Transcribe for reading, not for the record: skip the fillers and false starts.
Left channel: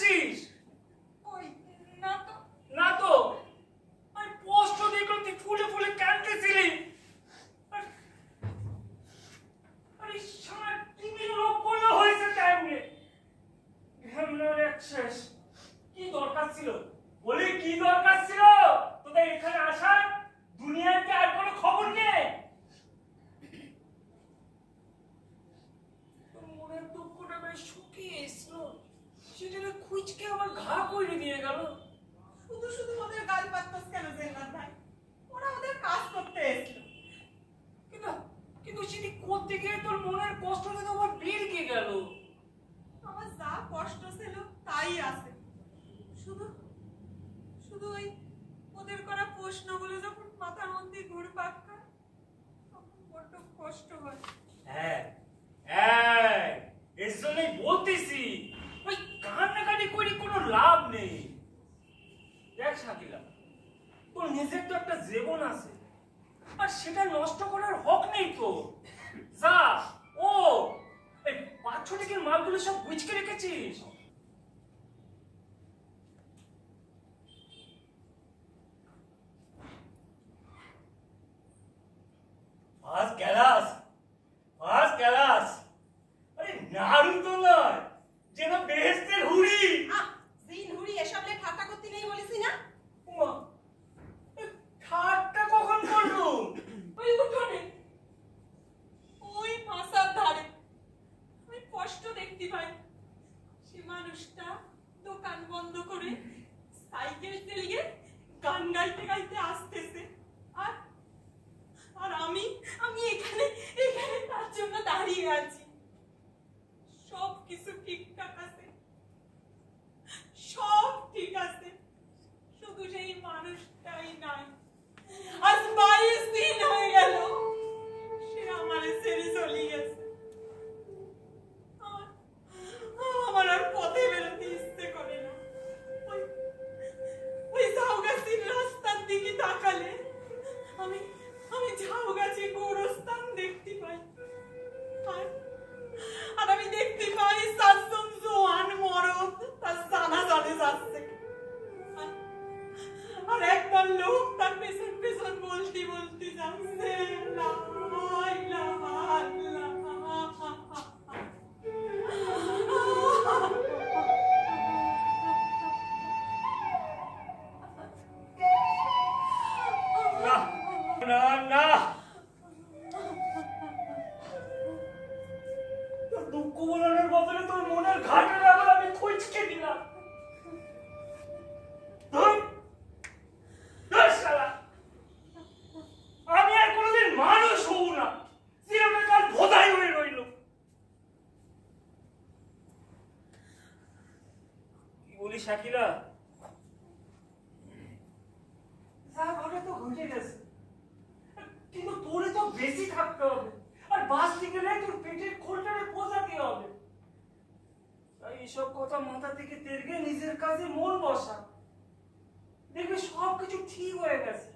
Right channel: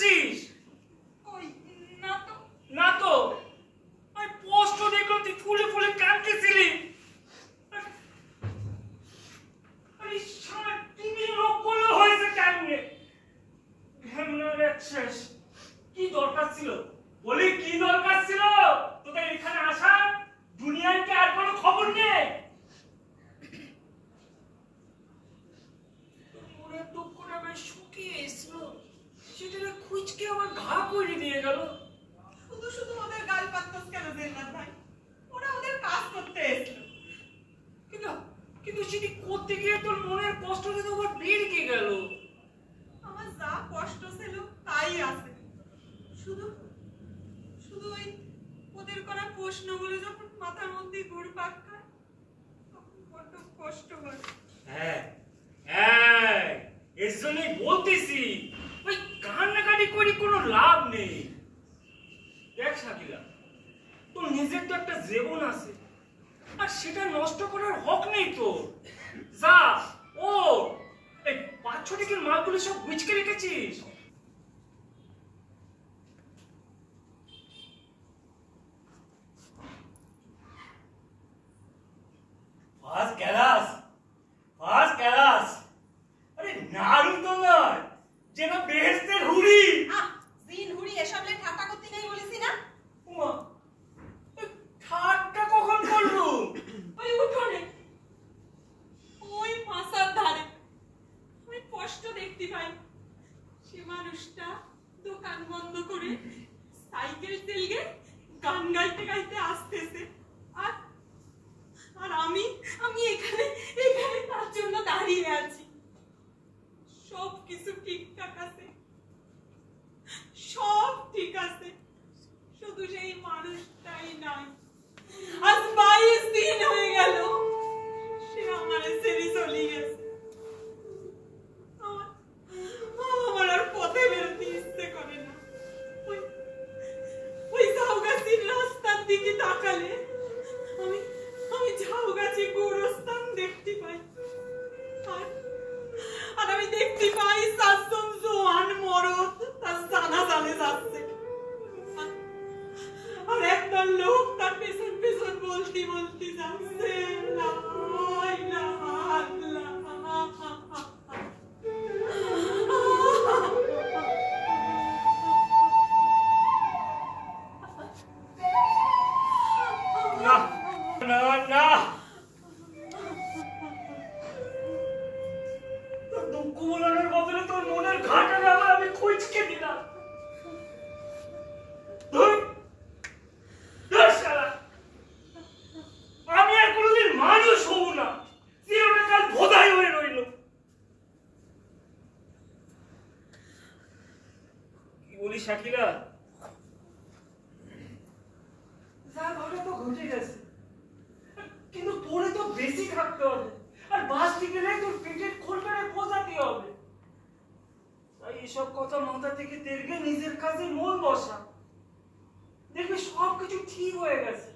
করেছিস? ওই না তো। না তো? আমি স্পষ্ট দেখলাম তুই ফুলে ফুলে কাঁদতেছিলি। আরে সারা টিভি লোক করলে হয়েছে কেমনে? ঘেমনার একশেষ। কি দরকার ছিল? বলি কি দরকার ছিল তোদের এখানে আসার? দুনিয়ার কি আর কোনো খবর নেই? তোর মনের দুঃখটা বেশ শুকিয়ে এসলো, সেটা খুঁজকে আমার ঘা করে দিয়ে গেল। শুধু শুধু ওদের গাল পাত্তাস কেন জেন্নাত ভাই? ওরা ওদের কাজ করতে এসেছিল। কিন্তু সেটি করতে গিয়ে তোর মনের কষ্টটা তো আবার বেড়ে গেল। আমার যা কষ্ট ছিল তাই আছে। শুধু শুধু ওই ওদের করা প্রশ্নগুলো যখন মাথার মধ্যে ঘুরপাক খায় তখন বড্ড কষ্ট হয়। হ্যাঁ হ্যাঁ, এর জন্যই বলতেছি ওই কান্নাকাটি করে কোনো লাভ নেই। দেখ শাকিলা, তোর নিজের তো একটা জীবন আছে, আর সেটা নষ্ট করার হক নেই তোর। যা ও এই 5-6 টাকার মালগুলো সব গুছকে রেখেছিস। First class, first class. আরে নাড়ু তো নয়, যেন বেহেশতের হুড়ি। জিন হুড়ি এসবলে ঠাট্টা করতে নেই বলেছি না? ওমা, ঠাট্টা কখন করলু? ওই উঠোনে, ওই মাসার ধারে আমি কষ্ট দেখতে পাই। সে মানুষটা দোকান বন্ধ করে সাইকেল চালিয়ে গান গাইতে গাইতে আসতেছে, আর আর আমি আমি এখানে এখানে তার জন্য দাঁড়িয়ে আছি। সব কিছু ঠিকঠাক আছে, সব ঠিক আছে, শুধু সেই মানুষটাই নাই। আজ 22 দিন হয়ে গেল সে আমারে ছেড়ে চলে গেছে। আমার আর পথে বেরোতে ইচ্ছে করে না। ওই ঝাউগাছির রাস্তার দিকে তাকালে আমি আমি ঝাউগাছি গোরস্থান দেখতে পাই, আর আমি দেখতে পাই 7 জন জোয়ান মরদ তার জানাজানে যাচ্ছে, আর একটা লোক তার পেছন পেছন বলতে বলতে যাচ্ছে লা ইলাহা ইল্লাল্লাহ। না না না, তোর দুঃখ বলানোর বদলে তোর মনের ঘাটারে আবার আমি খুঁজকে দিলাম। আমি আর কোনোদিন মানুষ হব না, চিরকাল ভোদাই হয়ে রইল। কি বলি শাকিলা, যা ঘটে তো ঘটে গেছে, কিন্তু তোরে তো বেশি থাকতে হবে, আর বাঁচতে গেলে তোর পেটের খোলটারে বোঝাতে হবে। তাই এসব কথা মাথা থেকে তেরগে নিজের কাজে মন বসা, দেখবি সবকিছু ঠিক হয়ে গেছে।